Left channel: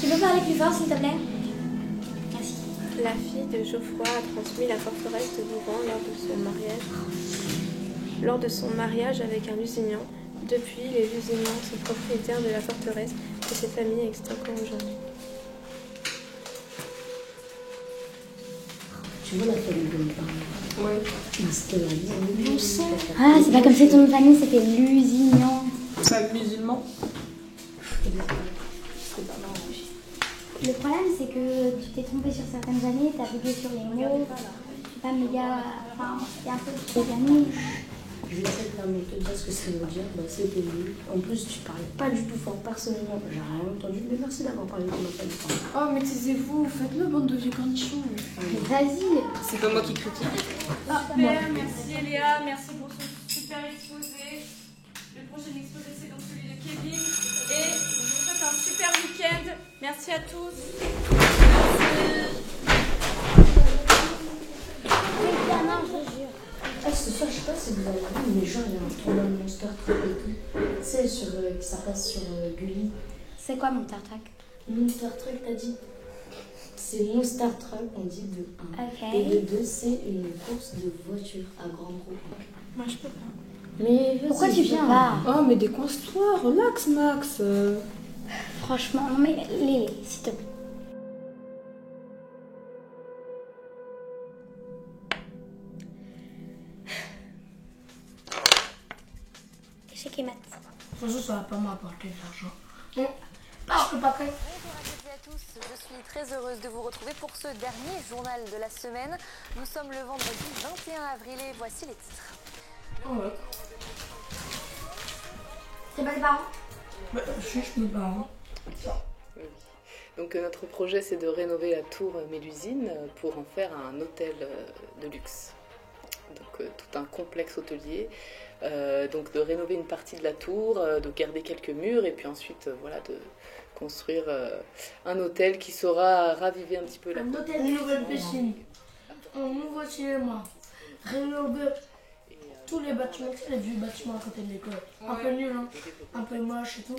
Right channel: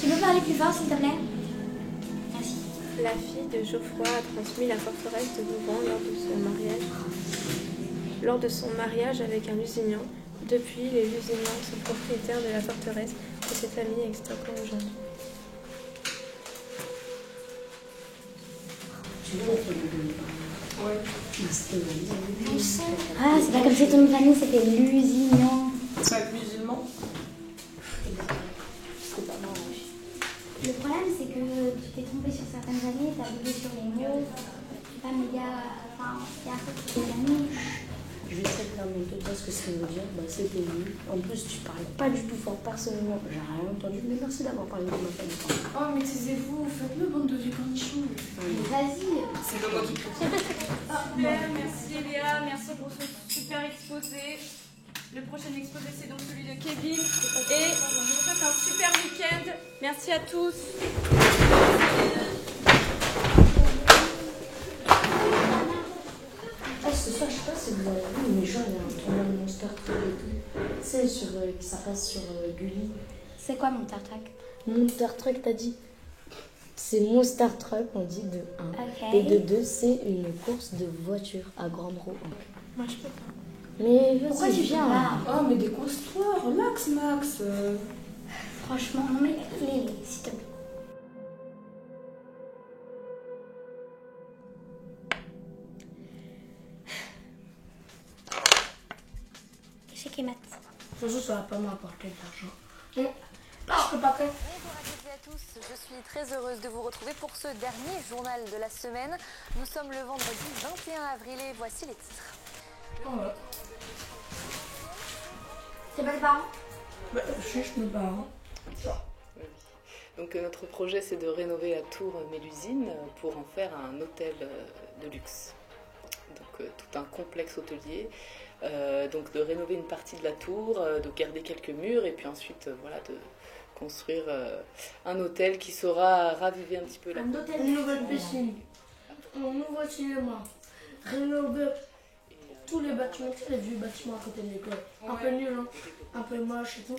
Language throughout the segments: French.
Tu peux parler plus fort, s'il te plaît? Merci. La fille de Geoffroy a transmis la forteresse de Vouvant lors de son mariage avec un Lusignan. Depuis, les Lusignans sont propriétaires de la forteresse que cette famille existe encore aujourd'hui. Tu vois la famille de mes parents? Ouais. C'était la vie. Ah, c'est pas comme si ton famille c'était Lusignan. C'est musulman. C'est pas marrant. Le problème, c'est que tu t'es trompé sur certaines années, t'as bugué sur les mots. C'est pas méga. Enfin, c'est un peu des années. Je vais très clairement te dire ce que ça veut dire. Bah, c'était nul. En plus, tu parlais pas du tout fort personnellement. J'ai rien entendu. Mais merci d'avoir parlé de ma famille. Oh, mais taisez-vous, faites-le, bande de vieux cornichons. Vas-y. C'est pas moi qui critique. Super, merci Eléa, merci pour ce super exposé. Le prochain exposé, c'est donc celui de Kevin. Et je vous souhaite un super week-end. Merci à tous. Ah, ce soir, je sais pas si vous avez vu, mais genre, il y a un tournoi de Monster Truck et tout. Tu sais, ça passe sur Gulli. C'est quoi mon Star Trek? Monster Truck, t'as dit? C'est Monster Truck, on dit de 1. Ok. Et de 2, c'est une course de voiture à grande roue. Moi, je peux pas. Mais vas-y, Pourquoi tu viens là? Oh, mais décoince-toi, relax, Max. Franchement, non mais Lélie, s'il te plaît. Échec et maths. De toute façon, ça va pas m'apporter de l'argent. Bon, là, je peux pas créer. Bonjour à toutes et à tous, je suis très heureuse de vous retrouver pour ce dernier journal de la semaine. Nous sommes le vendredi 21 avril et voici les titres. Ouais. C'est pas tes parents? Bah, juste mes parents. Donc notre projet, c'est de rénover la tour Mélusine pour en faire un hôtel de luxe. Donc tout un complexe hôtelier. Donc de rénover une partie de la tour, de garder quelques murs et puis ensuite voilà, de construire un hôtel qui saura raviver un petit peu la Un hôtel, une nouvelle piscine, un nouveau cinéma, rénover tous les bâtiments, tous les vieux bâtiments à côté de l'école. Un peu nul, hein, un peu moche et tout.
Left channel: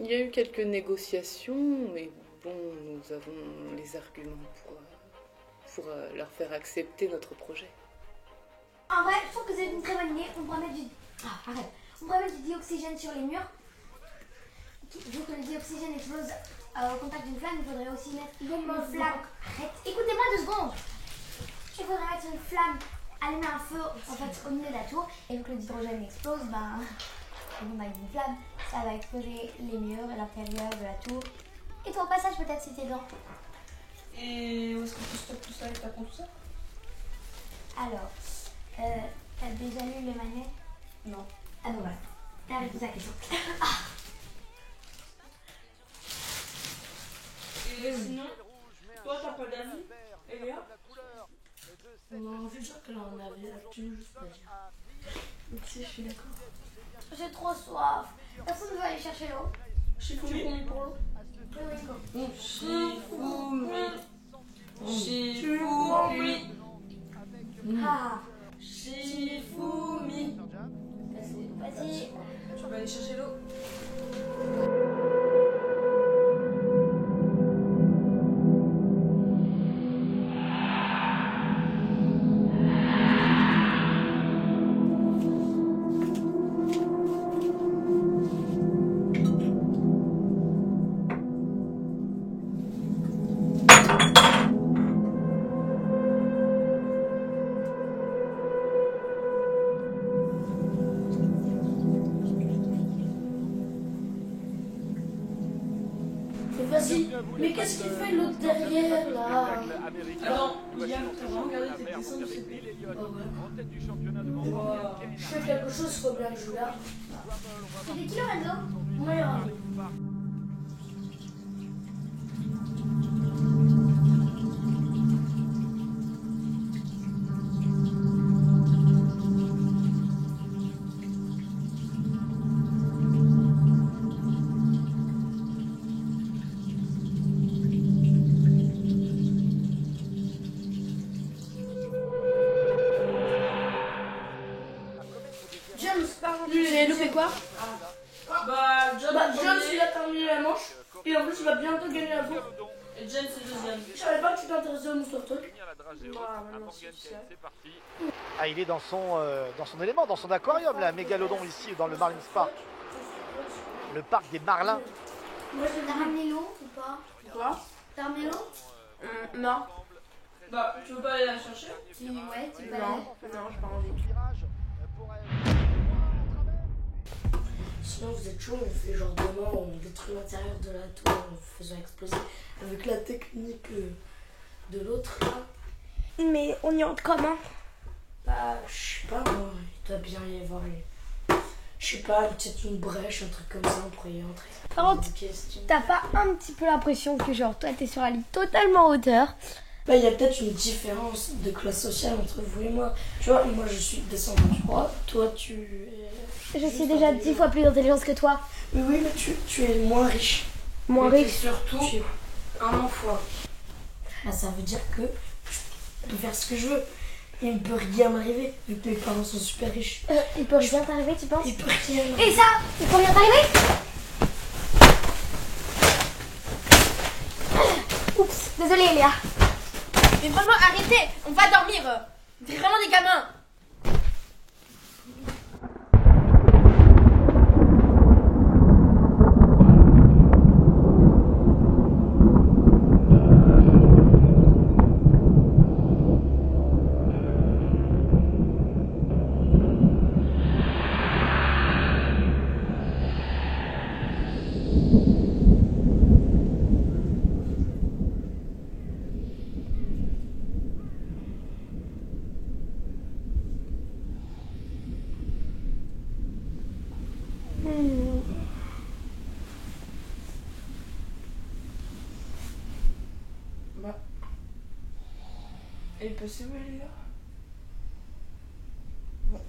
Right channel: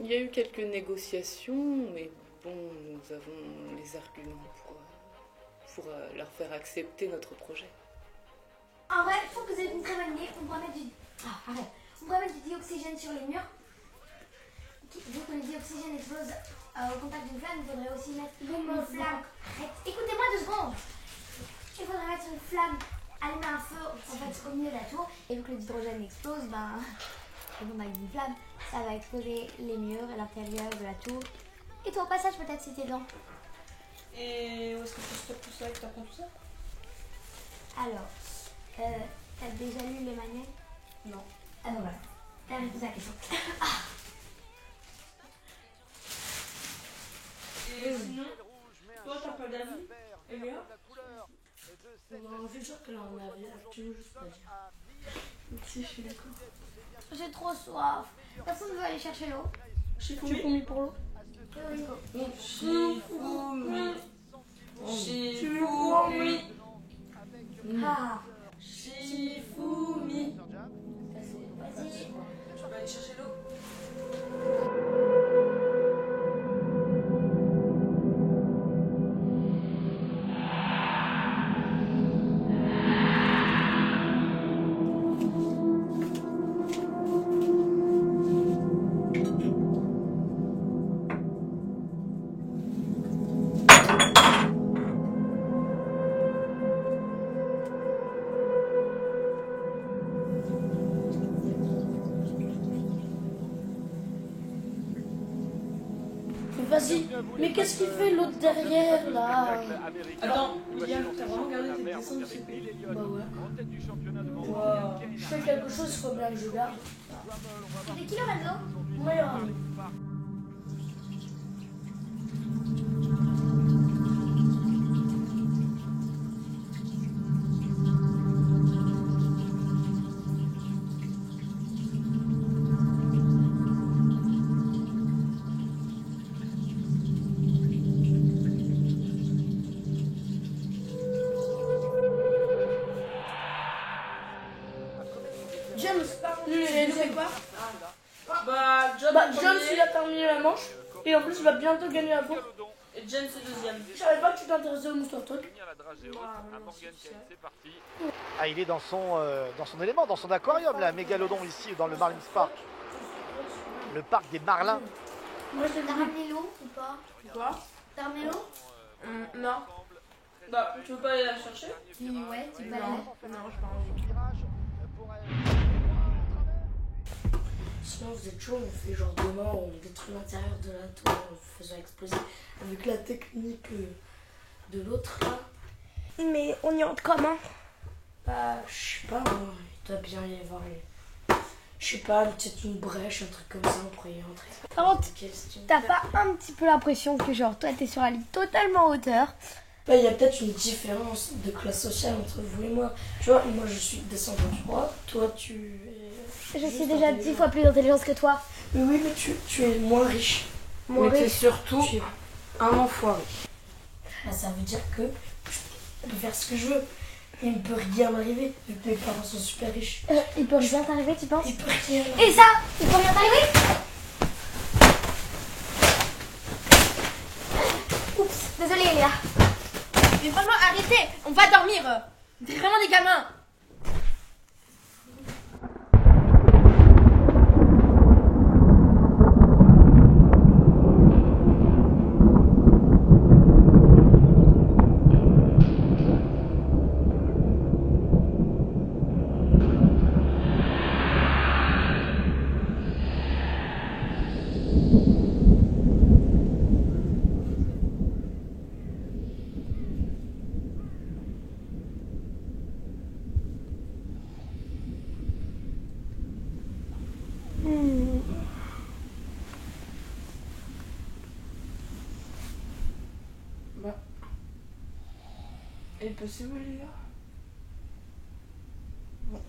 Il y a eu quelques négociations, mais bon, nous avons les arguments pour leur faire accepter notre projet. En vrai, je trouve que c'est une très bonne idée. On pourrait mettre du... Ah, arrête. On pourrait mettre du dioxygène sur les murs. Vu que le dioxygène explose au contact d'une flamme, il faudrait aussi mettre une flamme. Arrête. Écoutez-moi 2 secondes. Il faudrait mettre une flamme, allumer un feu en fait au milieu de la tour. Et vu que l'hydrogène explose, ben... on a une flamme, ça va exploser les murs et l'intérieur de la tour. Et toi au passage peut-être si t'es dedans. Et où est-ce que tu stockes tout ça et que t'apprends tout ça? Alors, t'as déjà lu les manuels? Non. Ah bon voilà, t'as répondu à la question. Et sinon, toi t'as pas d'amis, Eléa? Non, c'est sûr que là on avait l'actu, juste pas dire. Si, je suis d'accord. J'ai trop soif. Personne ne veut aller chercher l'eau. Shifumi pour l'eau. Shifumi. Shifumi. Ah, Shifumi. vas-y. Tu vas aller chercher l'eau. Vas-y, mais qu'est-ce qu'il fait l'autre derrière là? Attends, Yann, t'as vraiment regardé tes dessins de CP? Bah ouais. Wow. Je fais quelque chose, il faut bien que je garde. C'est qui Lorenzo? Ouais, J'ai loupé quoi? Bah, John, John, il a terminé. terminé la manche. Et en plus, il va bientôt gagner la course. Et Jen, c'est deuxième. Je savais pas que tu t'intéressais au Moustoir Talk. Ah, il est dans son élément, dans son aquarium, là, Mégalodon, ici, dans le Marlins Park. Le parc des Marlins. Moi, j'ai T'as ramené l'eau ou pas? Quoi? T'as ramené l'eau? Non. Bah, tu veux pas aller la chercher? Ouais, tu peux aller. Non, j'ai pas envie. Sinon, vous êtes chaud, on fait genre demain, on détruit l'intérieur de la tour en faisant exploser avec la technique de l'autre là. Mais on y entre comment? Bah, je sais pas, moi, il doit bien y avoir je sais pas, peut-être une brèche, un truc comme ça, on pourrait y entrer. Par contre, t'as pas un petit peu l'impression que genre toi t'es sur la ligne totalement en hauteur? Bah, il y a peut-être une différence de classe sociale entre vous et moi. Tu vois, moi je suis descendant du roi, toi tu es... Je suis déjà 10 fois plus intelligente que toi. Mais oui, mais tu es moins riche. Moins Mais riche. surtout, tu es un enfoiré. Bah, ça veut dire que je peux faire ce que je veux. Il ne peut rien m'arriver, vu que mes parents sont super riches. Il peut rien t'arriver, tu penses? Il peut rien m'arriver. Et ça, il peut rien t'arriver? Oups, désolée Léa. Mais franchement, arrêtez, on va dormir. C'est vraiment des gamins. Elle est passée où, elle est là? Bon.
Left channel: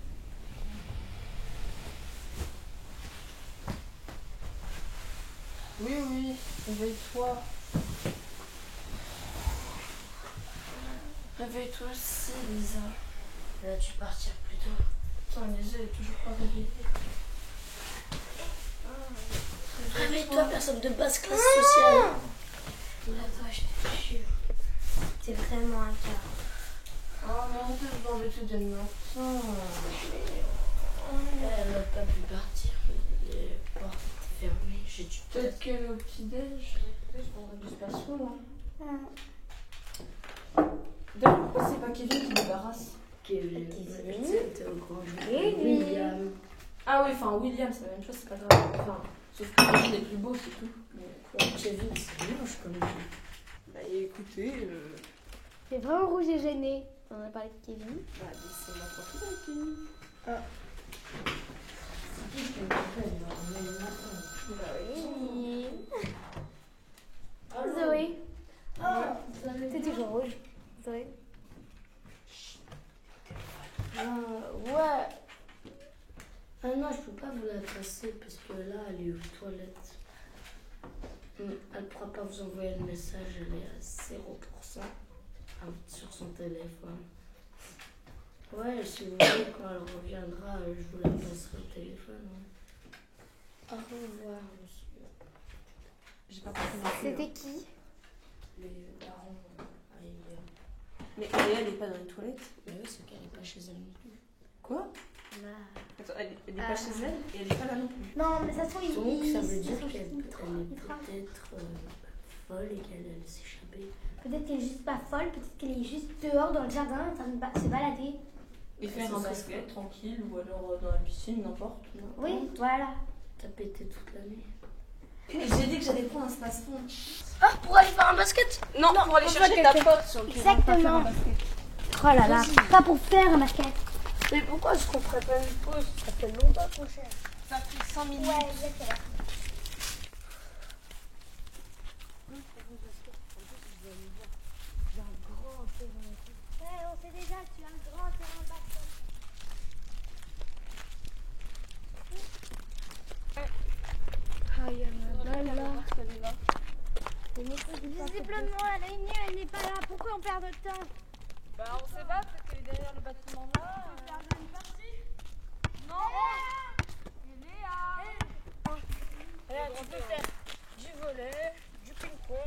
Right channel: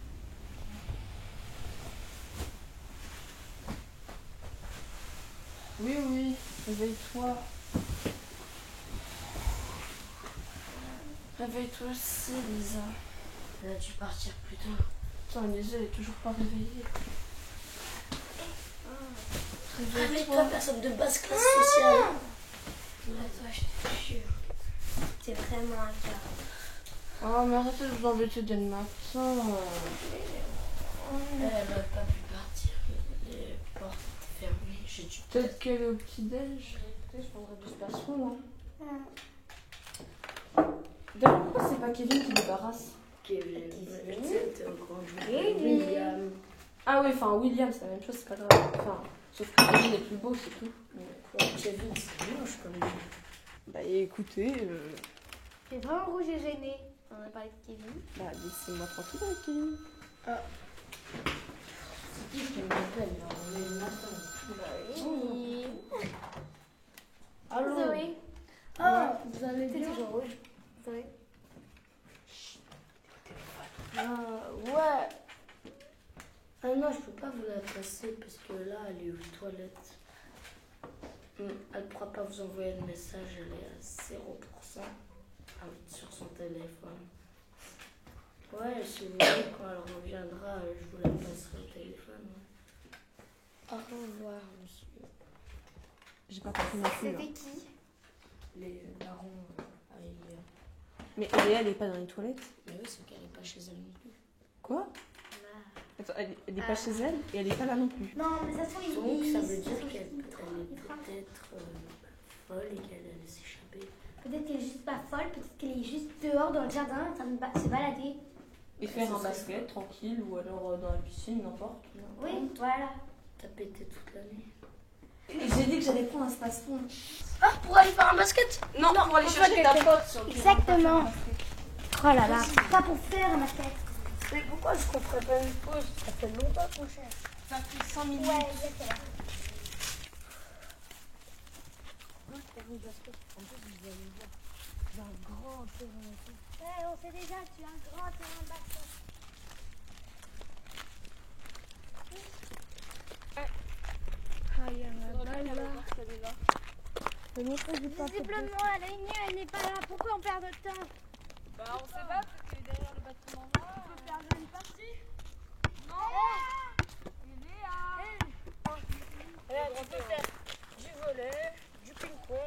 Oui, oui, réveille-toi. Réveille-toi aussi, Lisa. Vas-tu partir plus tôt? Attends, Lisa, elle est toujours pas réveillée. Réveille-toi, personne de basse classe sociale. Toi, je te jure. C'est vraiment un cas. Oh, mais arrête d'embêter dès le matin. Elle n'a pas pu partir. Les portes fermées. J'ai dû peut-être qu'elle est au petit-déj. Je prendrai du spatio, là. D'ailleurs, pourquoi c'est pas Kevin qui débarrasse? Kevin. C'était au grand William. Ah oui, enfin, William, c'est la même chose, c'est pas grave. Enfin, sauf que Kevin est plus beau, c'est tout. Mais Kevin, c'est moche comme lui. Bah écoutez, C'est vraiment rouge et gêné. On a parlé de Kevin. bah laissez-moi tranquille avec Kevin. Ah. C'est qui je m'appelle, là? On est le matin. Bah oui. Allô? Zoé. Oh, vous allez T'es bien? toujours rouge. Zoé. Ouais. Ah non, je peux pas vous la passer parce que là, elle est aux toilettes. Elle pourra pas vous envoyer le message, elle est à 0% sur son téléphone. Ouais, si vous voulez, quand elle reviendra, je vous la passerai au téléphone. Au revoir, monsieur. J'ai pas compris non plus. C'était qui? Les parents arrivés. Mais Aléa, elle est pas dans les toilettes? Mais oui, c'est qu'elle est pas chez elle non plus. Quoi? Là. Attends, elle est pas chez elle et elle est pas là non plus. Non, mais ça se trouve, Donc ça veut dire ça se trouve, qu'elle il est rentre. peut-être folle et qu'elle allait s'échapper. Peut-être qu'elle est juste pas folle, peut-être qu'elle est juste dehors dans le jardin en train de se balader. Et faire un basket tranquille ou alors dans la piscine, n'importe. Oui, voilà. T'as pété toute l'année. J'ai dit que j'allais prendre un space-temps. Ah, pour aller faire un basket? Non, pour aller chercher ta pote sur le terrain. Exactement. Oh là là, pas pour faire un basket. Mais pourquoi est-ce qu'on ferait pas une pause? Ça fait longtemps qu'on cherche. Ça fait 100 minutes. Ouais, exactement. Ouais, on sait déjà, tu as un grand terrain de basket. Visiblement, la ligne, elle n'est pas là. Pourquoi on perd notre temps? Bah, on sait pas, peut-être qu'elle est derrière le bâtiment là. On peut faire une partie. Non! Léa! Regarde, on peut faire volley, du ping-pong,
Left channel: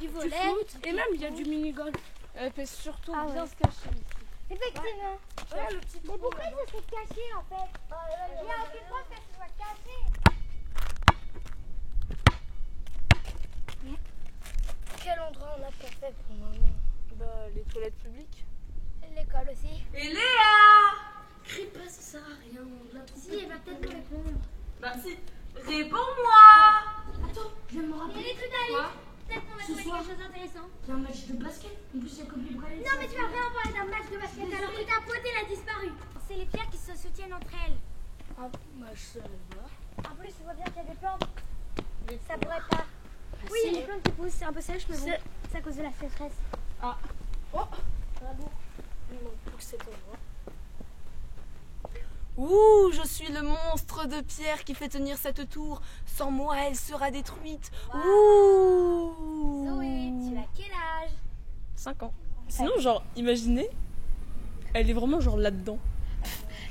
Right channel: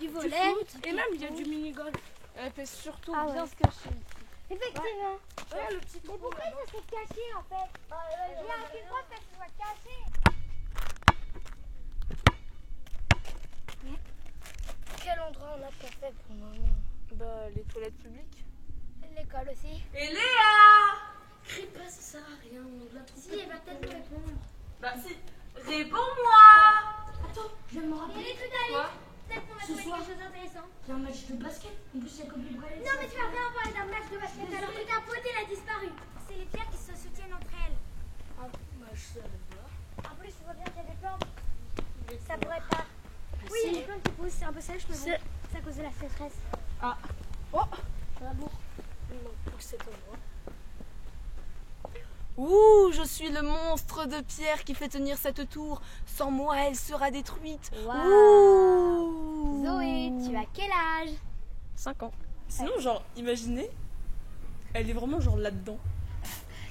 Du du volet. foot, et même il y a du mini-golf. Elle fait surtout Ah bien ouais. se cacher ici. Effectivement. Ouais, le petit Mais trou, pourquoi là-bas. ça s'est caché en fait? Il n'y a aucune preuve que ça soit caché. Quel endroit on a pas fait pour le moment? Bah, les toilettes publiques. L'école aussi. Et Léa! Crie pas, ça sert à rien. On l'a trouvé. Si, elle va peut-être nous répondre. Bah si, réponds-moi! Je vais me rappeler. Il y a des trucs à lire. Peut-être qu'on va Ce trouver soir. quelque chose d'intéressant. Il y a un match de basket. En plus, il y a comme du braille. Non, mais tu vas vraiment parler d'un match de basket alors que ta pote elle a disparu. C'est les pierres qui se soutiennent entre elles. Ah, bah, je savais pas. En plus, tu vois bien qu'il y a des plantes. Ça pourrait pas. Oui, il y a des plantes qui poussent, c'est un peu sèche, mais bon, c'est à cause de la sécheresse. Bravo. Il manque plus que cet endroit. Ouh, je suis le monstre de pierre qui fait tenir cette tour. Sans moi, elle sera détruite. Ouh. Zoé, tu as quel âge? 5 ans. Sinon, genre, imaginez, elle est vraiment genre là-dedans.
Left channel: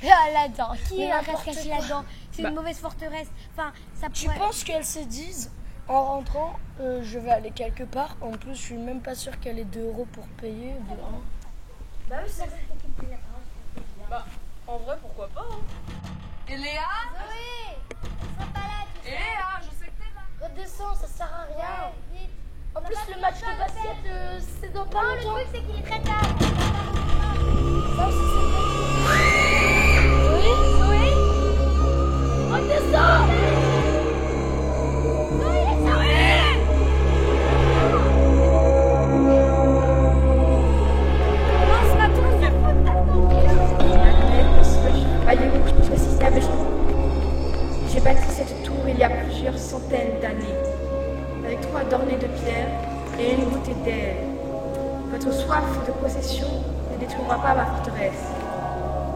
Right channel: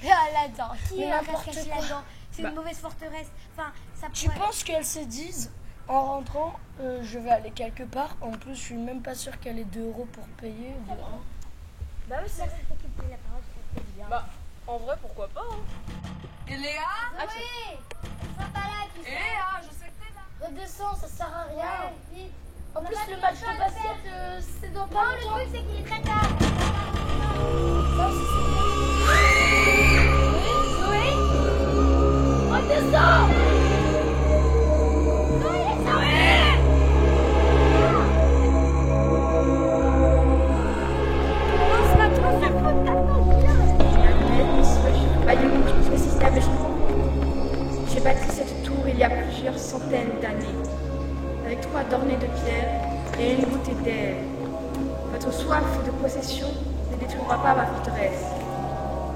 Là-dedans. Qui Mais est un n'importe cache-caché quoi. là-dedans? C'est une mauvaise forteresse. Enfin, ça Tu pourrait. penses qu'elles se disent en rentrant, je vais aller quelque part. En plus, je suis même pas sûre qu'elle ait 2 € pour payer. De 1. Bah oui, c'est ça qui dit la parole, c'est bien. Bah, en vrai, pourquoi pas, hein. Et Léa? Zoé, elle sera pas là, tu sais. Léa, je sais que t'es là. Redescends, ça sert à rien. Ouais, vite. En On a plus, pas le fini match encore de le faire. basket, c'est dans Non, pas le longtemps. truc, c'est qu'il est très tard. Ça aussi, c'est Zoé, redescends. J'ai bâti cette tour il y a plusieurs centaines d'années, avec 3 ornées de pierre et une goutte d'air. Votre soif de possession ne détruira pas ma forteresse.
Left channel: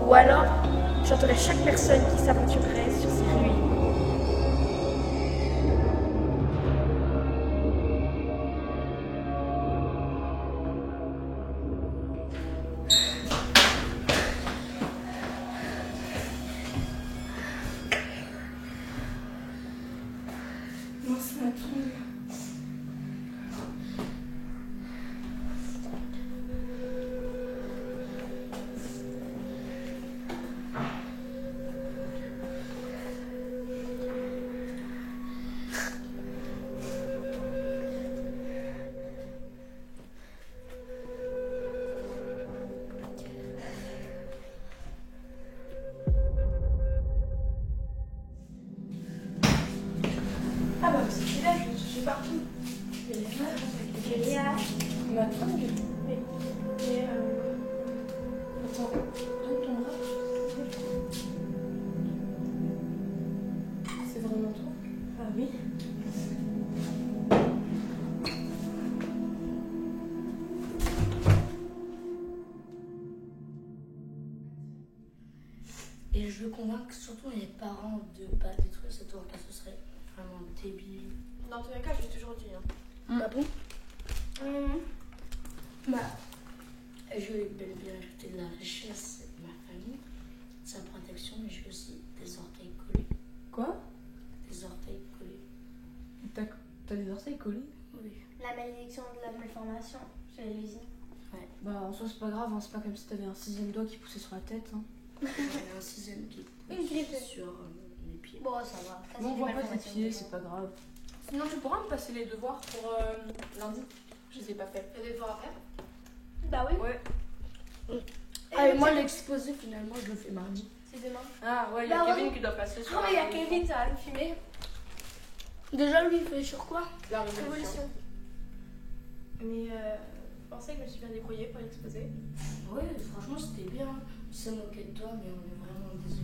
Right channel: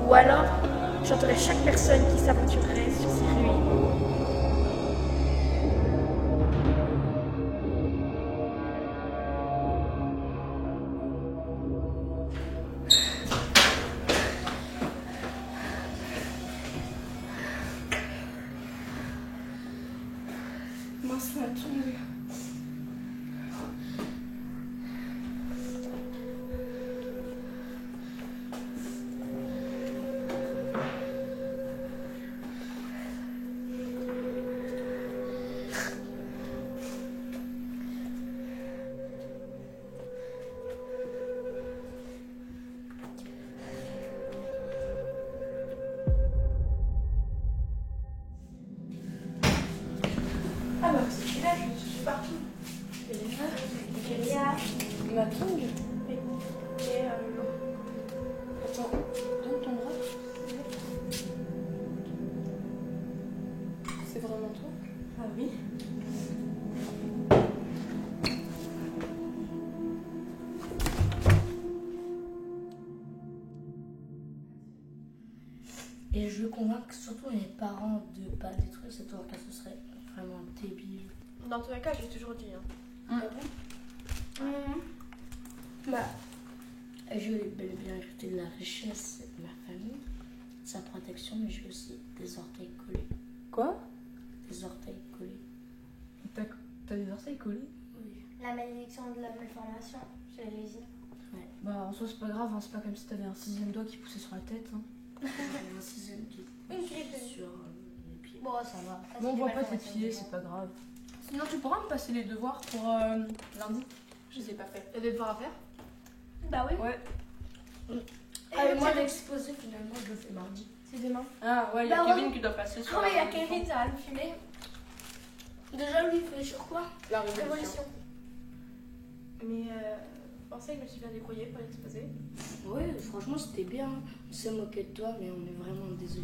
Ou alors, j'entendrai chaque personne qui s'aventurerait sur ces ruines. Mince, la tombe. Ah bah c'est là, je suis partout. Ma tongue? Et Attends, donne ton bras. C'est vraiment toi? ah oui. Et je veux convaincre surtout les parents de pas détruire cette tour car ce serait vraiment débile. Dans tous les cas, je l'ai toujours dit. Hein. Ah bon? Bah, je vais bel et bien ajouter de la richesse à ma famille, sa protection, mais j'ai aussi des orteils collés. Quoi? Des orteils collés. T'as des orteils collés? Oui. La malédiction de la malformation chez les usines. Bah en soi c'est pas grave, hein. C'est pas comme si t'avais un 6e doigt qui poussait sur la tête. Hein. J'ai un 6e qui Une grippe. sur les pieds. Bon, ça va. Ça, Bon, c'est on des voit pas tes malformations, pieds, mais c'est bon. pas grave. Sinon tu pourras me passer les devoirs pour lundi? Je les ai pas fait. T'as des devoirs à faire? Bah oui. Ouais. Ah, et moi, l'exposé, finalement, je le fais mardi. C'est demain. Ah ouais, il y a Bah, Kevin qui doit passer sur Oh, mais il y a la Kevin, ça va le fumer. Déjà, lui, il fait sur quoi? la révolution. Révolution. Mais je pensais que je me suis bien débrouillée pour l'exposer. Ouais, franchement, c'était bien. On s'est moqué de toi, mais on est vraiment désolé.